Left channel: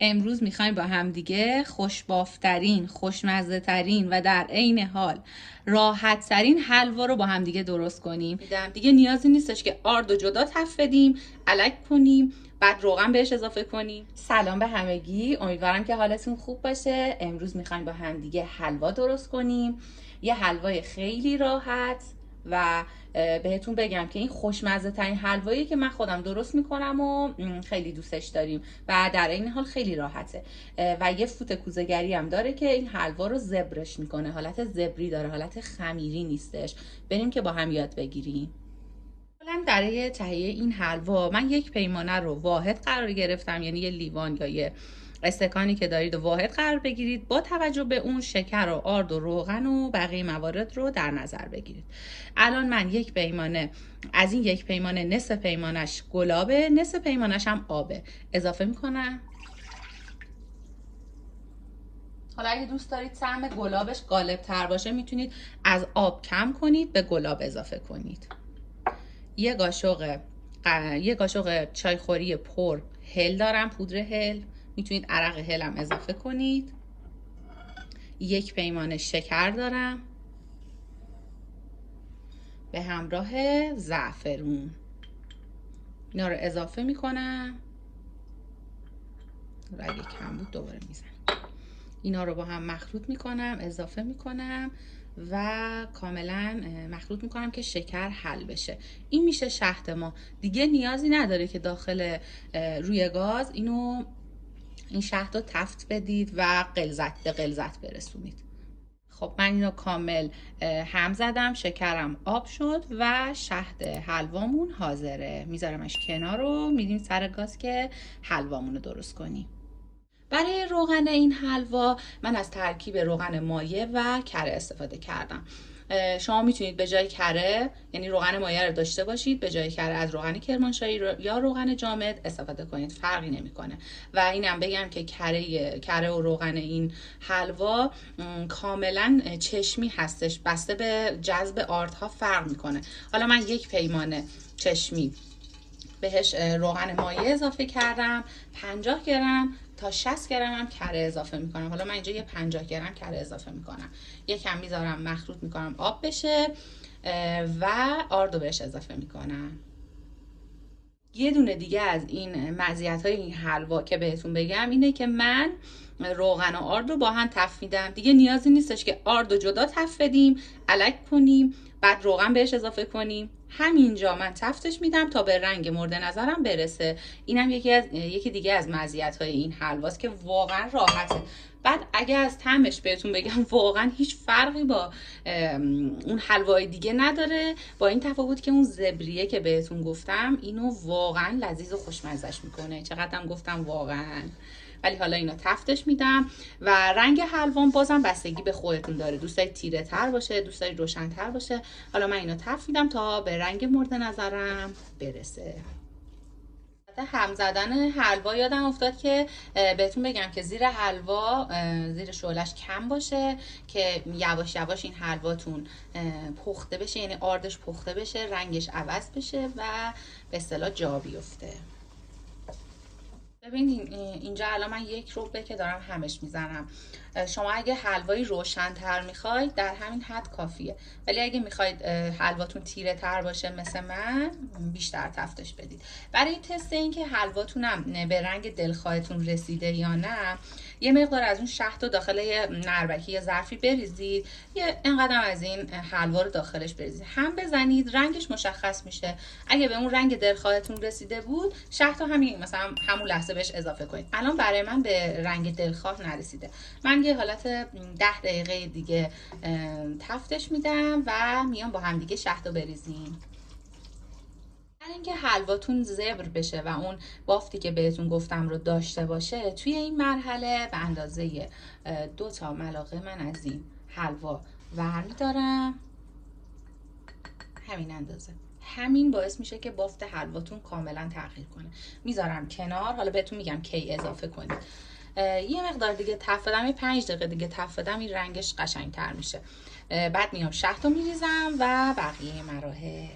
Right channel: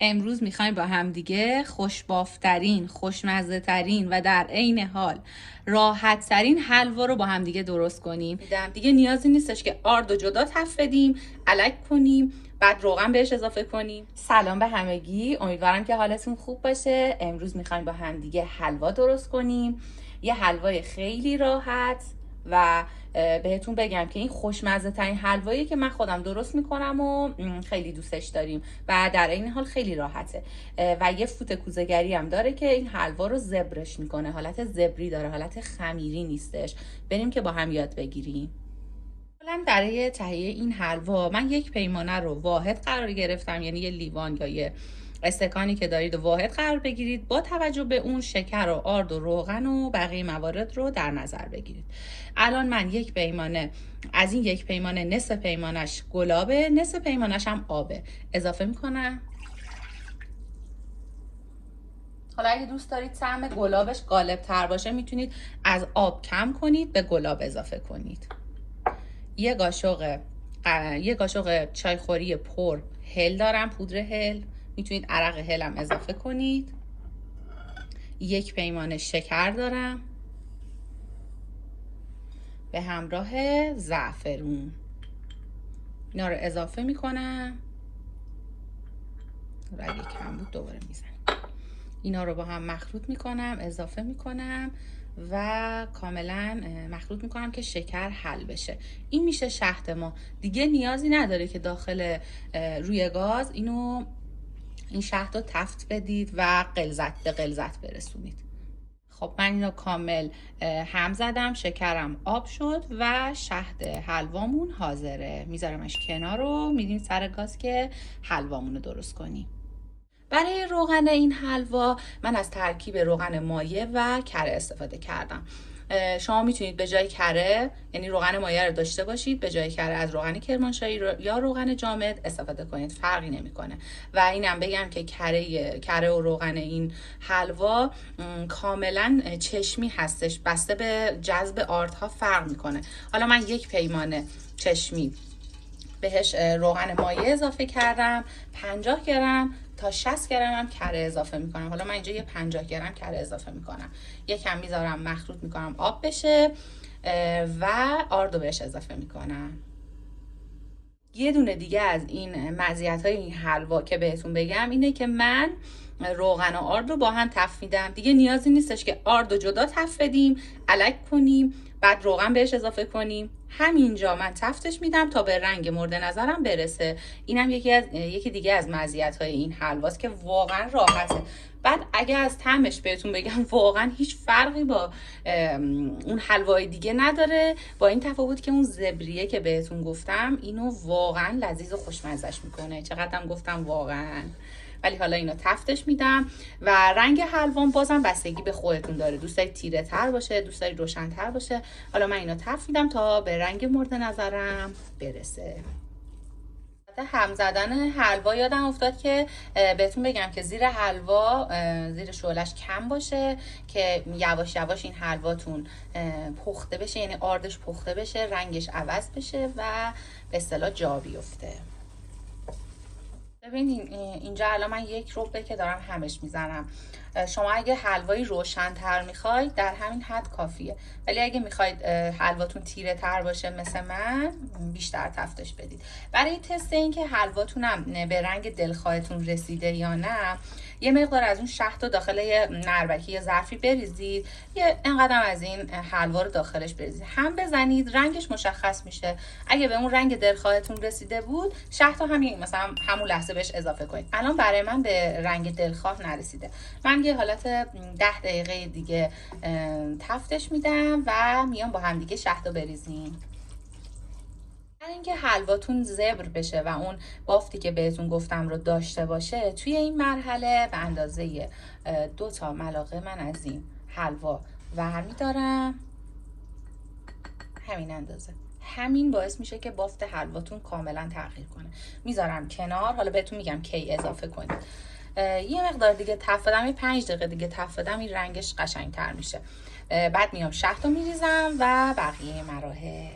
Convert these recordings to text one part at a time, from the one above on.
امروز میخوایم با همدیگه خوشبافترین، خوشمزه‌ترین و در عین حال راحت‌ترین حلوا رو با همدیگه درست کنیم. دیگه نیازی نیستش که آرد و جدا تفت بدیم، الک کنیم، بعد روغن بهش اضافه کنیم. سلام به همگی، امیدوارم که حالتون خوب باشه. امروز میخوایم با همدیگه حلوا درست کنیم، یه حلوای خیلی راحت و بهتون بگم که این خوشمزه ترین حلوایی که من خودم درست میکنم و خیلی دوستش داریم و در این حال خیلی راحته و یه فوت کوزه‌گری هم داره که این حلوا رو زبرش میکنه، حالت زبری داره، حالت خمیری نیستش. بریم که با هم یاد بگیریم. اولا برای تهیه این حلوا من یک پیمانه رو واحد قرار گرفتم، یعنی یه لیوان یا یه استکانی که دارید و واحد قرار بگیرید. با توجه به اون شکر و آرد و روغن و بقیه موارد رو در نظر بگیرید. الان من یک پیمانه از این یک پیمانه نصف پیمانش گلابه، نصف پیمانش هم آبه اضافه میکنم. حالا اگه دوست دارید طعم گلابش غالب تر باشه میتونید از آب کم کنید به گلاب اضافه کنید. یه قاشق چایخوری پر هل دارم، پودر هل، میتونید عرق هل هم اضافه کنید. یک پیمانه شکر دارم به همراه زعفرون، اینا رو اضافه میکنم. اگه کم بود دوباره میزنم. اینا رو با هم مخلوط میکنم، اضافه میکنم و کاملا مخلوط میکنم که شکر حل بشه. این میشه شهد ما. دیگه نیازی نداره که داخل روی گاز این شهد رو تفت بدید و به غلظت برسونید. خب من اینو کامل هم زدم، شکرم آب شد و شهد حلوامون حاضره. میذارمش کنار رو میریم سر گاز که حلوامون رو درست کنیم. برای روغن این حلوا من از ترکیب روغن مایع و کره استفاده کردم. شما میتونید به جای کره، یعنی روغن مایع رو داشته باشید، به جای کره از روغن کرمانشاهی یا روغن جامد استفاده کنید، فرقی نمیکنه. و اینم بگم که کره و روغن این حلوا کاملا چشمی هستش، بسته به جذب آردها فرق میکنه. حالا من یک پیمانه چشمی بهش روغن مایع اضافه کردم، 50 گرم تا 60 گرم هم کره اضافه میکنم. حالا من اینجا یه 50 گرم کره اضافه میکنم، یکم میذارم مخلوط میکنم آب بشه و آردو بهش اضافه میکنم. یه دونه دیگه از این مزیت‌های این حلوا که بهتون بگم اینه که من روغن و آرد رو با هم تفت میدم. دیگه نیازی نیستش که آرد رو جدا تفت بدیم، الک کنیم، بعد روغن بهش اضافه کنیم. همینجا من تفتش میدم تا به رنگ مورد نظرم برسه. اینم یکی دیگه از مزیت‌های این حلواست که واقعا راحته. بعد اگه از طعمش بهتون بگم واقعا هیچ فرقی با اون حلوای دیگه نداره، با این تفاوت که اون زبریه که بهتون گفتم اینو واقعا لذیذ و خوشمزه‌اش میکنه. چقدرم گفتم واقعا. ولی حالا اینو تفتش میدم و رنگ حلوام بازم بستگی به خودتون داره، دوست دارید تیره تر باشه، دوست دارید روشن تر باشه. حالا من اینو تفت میدم تا به رنگ مورد نظرم برسه. هم زدن حلوا یادم افتاد که بهتون بگم که زیر حلوا زیر شعلش کم باشه که یواش یواش این حلواتون پخته بشه، یعنی آردش پخته بشه، رنگش عوض بشه و به اصطلاح جا بیفته. ببینید اینجا الان من یک ربع که دارم همش میزنم. شما اگه حلوایی روشن تر میخواید در همین حد کافیه، ولی اگه میخواید حلواتون تیره تر باشه مثل من بیشتر تفتش بدید. برای تست این که حلواتونم به رنگ دلخواهتون رسیده یا نه، یه مقدار از اون شهد رو داخل یه نربکی یا ظرفی بریزید، یه اینقدر از این حلوا رو داخلش بریزید، هم بزنید، رنگش مشخص میشه. اگه به اون رنگ دلخواهتون رسیده بود، شهد رو همون لحظه بهش اضافه کنید. الان برای من به رنگ دلخواه نرسیده، من یه حالت 10 دقیقه دیگه تفتش میدم و میام با هم دیگه شهد رو بریزیم. اینکه حلواتون زبر بشه و اون بافتی که بهتون گفتم رو داشته باشه، توی این مرحله به اندازه 2 تا ملاقه من از این حلوا برمی‌دارم، همین اندازه. همین باعث میشه که بافت حلواتون کاملا تغییر کنه. میذارم کنار، حالا بهتون میگم کی اضافه کنید. یه مقدار دیگه تفت بدم، 5 دقیقه دیگه تفت بدم، این رنگش قشنگتر میشه. بعد میام شهد رو میریزم و بقیه مراحل.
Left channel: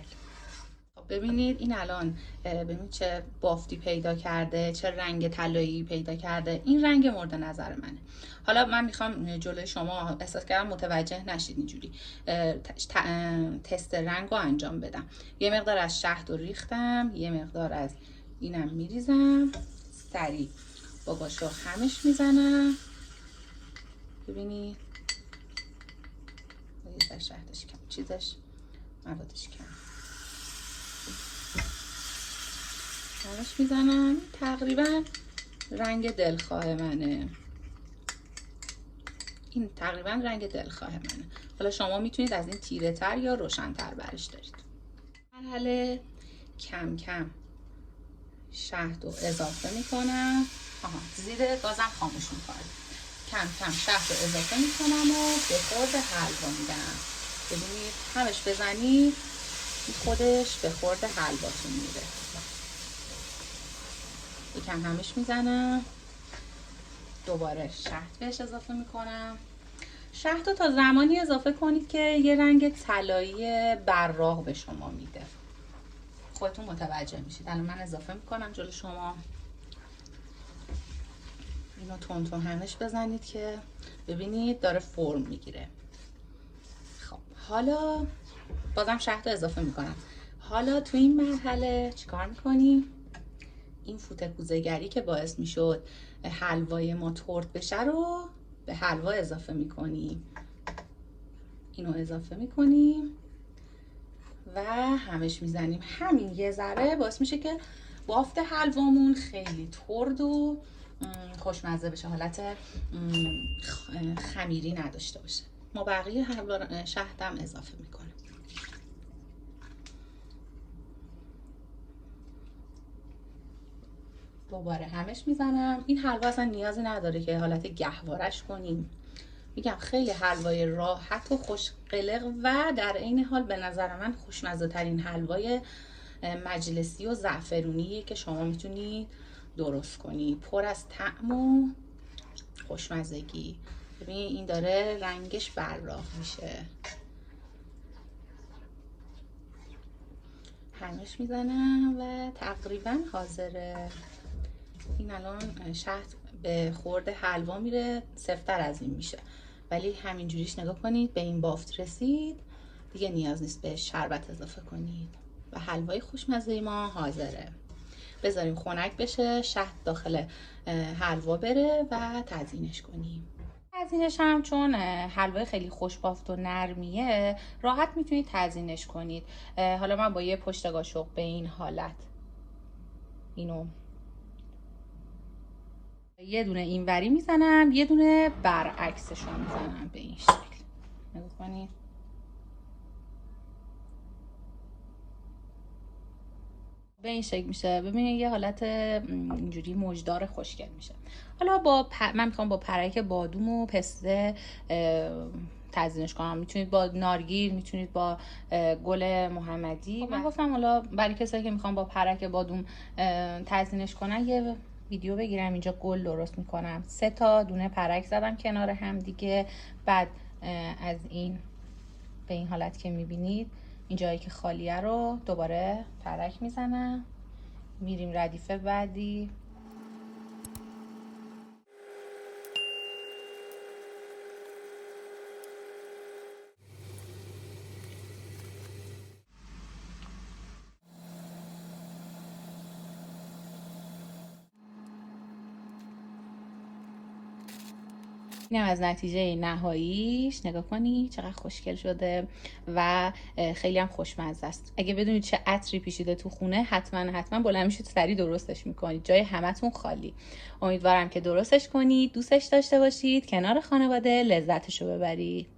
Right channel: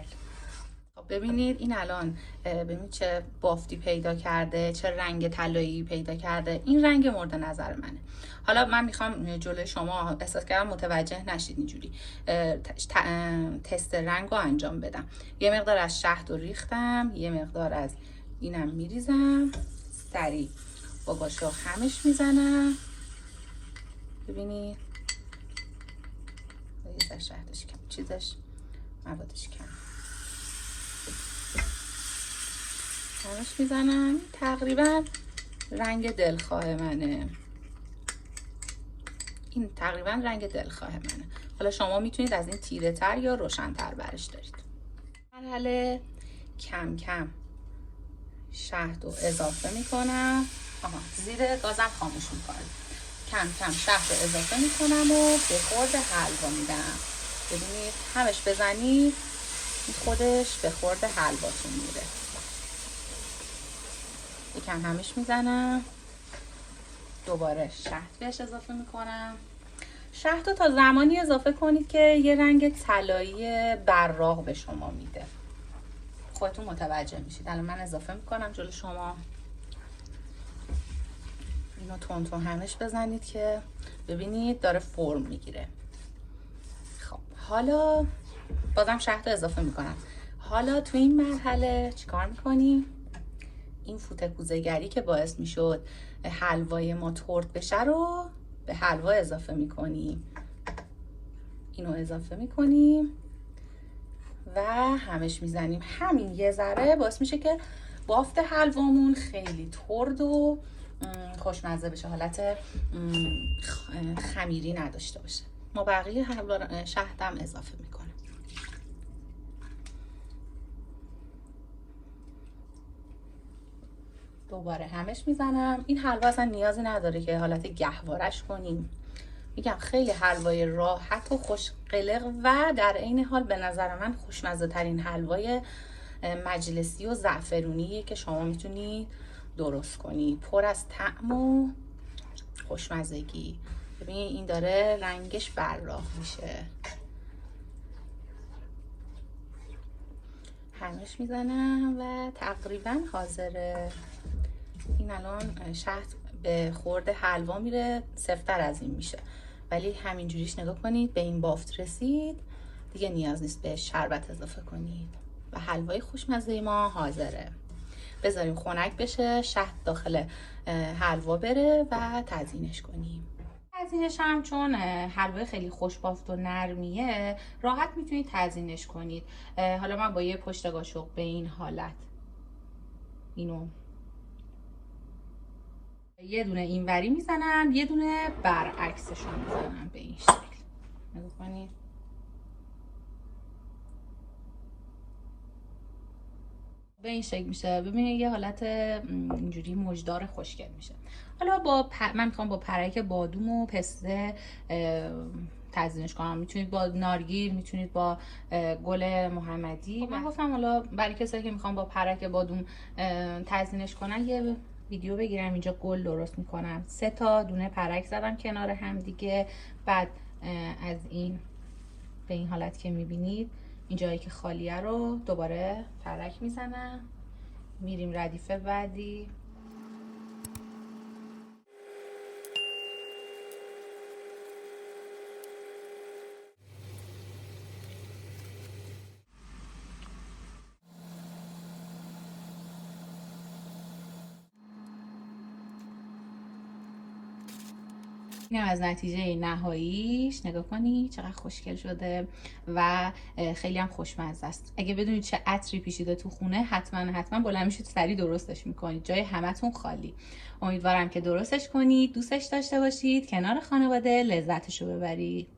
ببینید این الان ببینید چه بافتی پیدا کرده، چه رنگ طلایی پیدا کرده. این رنگ مورد نظر منه. حالا من میخوام جلوی شما، احساس کردم متوجه نشید، اینجوری تست رنگ رو انجام بدم. یه مقدار از شهد رو ریختم، یه مقدار از اینم میریزم، سریع با قاشق همش میزنم. ببینید شهدش کم، چیزش موادش کم، همش میزنم. تقریبا رنگ دلخواه منه، این تقریبا رنگ دلخواه منه. حالا شما میتونید از این تیره تر یا روشن تر برش دارید. مرحله کم کم شهد رو اضافه میکنم. زیر گازم خاموش میکنم. کم کم شهد رو اضافه میکنم و به خورد حلوا میدم. ببینید همش بزنید خودش به خورد حلواتون میده. یکم همش میزنم، دوباره شهد بهش اضافه میکنم. شهد رو تا زمانی اضافه کنید که یه رنگ طلایی براق به شما میده. خودتون متوجه میشید. الان من اضافه میکنم جلوی شما. اینو تون تون همش بزنید که ببینید داره فرم میگیره. خب حالا بازم شهد رو اضافه میکنم. حالا تو این مرحله چیکار میکنیم؟ این فوت کوزه‌گری که باعث میشد حلوای ما ترد بشه رو به حلوا اضافه میکنیم. اینو اضافه میکنیم و همش میزنیم. همین یه ذره باعث میشه که بافت حلوامون خیلی ترد و خوشمزه بشه، حالت خمیری نداشته باشه. ما بقیه حلوا شهدم اضافه میکنیم. دوباره همش میزنم. این حلوا اصلا نیازی نداره که حالت گهوارش کنیم. میگم خیلی حلوای راحت و خوش قلق و در عین حال به نظر من خوشمزه ترین حلوای مجلسی و زعفرونیه که شما میتونید درست کنید. پر از طعم و خوشمزگی. ببین این داره رنگش براق میشه. همش میزنم و تقریبا حاضره. این الان شهد به خورد حلوا میره، سفت‌تر از این میشه، ولی همینجوریش نگاه کنید به این بافت رسید، دیگه نیاز نیست به شربت اضافه کنید و حلوای خوشمزه ما حاضره. بذاریم خنک بشه، شهد داخل حلوا بره و تزیینش کنیم. تزیینش هم چون حلوای خیلی خوش بافت و نرمیه، راحت میتونید تزیینش کنید. حالا من با یه پشت قاشق به این حالت اینو یه دونه اینوری میزنم، یه دونه برعکسش رو میزنم به این شکل. نگاه کنید. به این شکل میشه. ببینید یه حالت اینجوری موجدار خوشگل میشه. حالا من میخوام با پرک بادوم و پسته تزیینش کنم. میتونید با نارگیل، میتونید با گل محمدی. من گفتم حالا برای کسایی که میخوام با پرک بادوم تزیینش کنن یه ویدیو بگیرم. اینجا گل درست میکنم. 3 تا دونه پرک زدم کنار هم دیگه. بعد از این به این حالت که میبینید این جایی که خالیه رو دوباره پرک میزنم. میریم ردیف بعدی. این از نتیجه نهاییش نگاه کنید چقدر خوشگل شده و خیلی هم خوشمزه است. اگه بدونید چه عطری پیچیده تو خونه حتما بلند میشید سریع درستش میکنید. جای همتون خالی. امیدوارم که درستش کنید، دوستش داشته باشید، کنار خانواده لذتشو ببرید.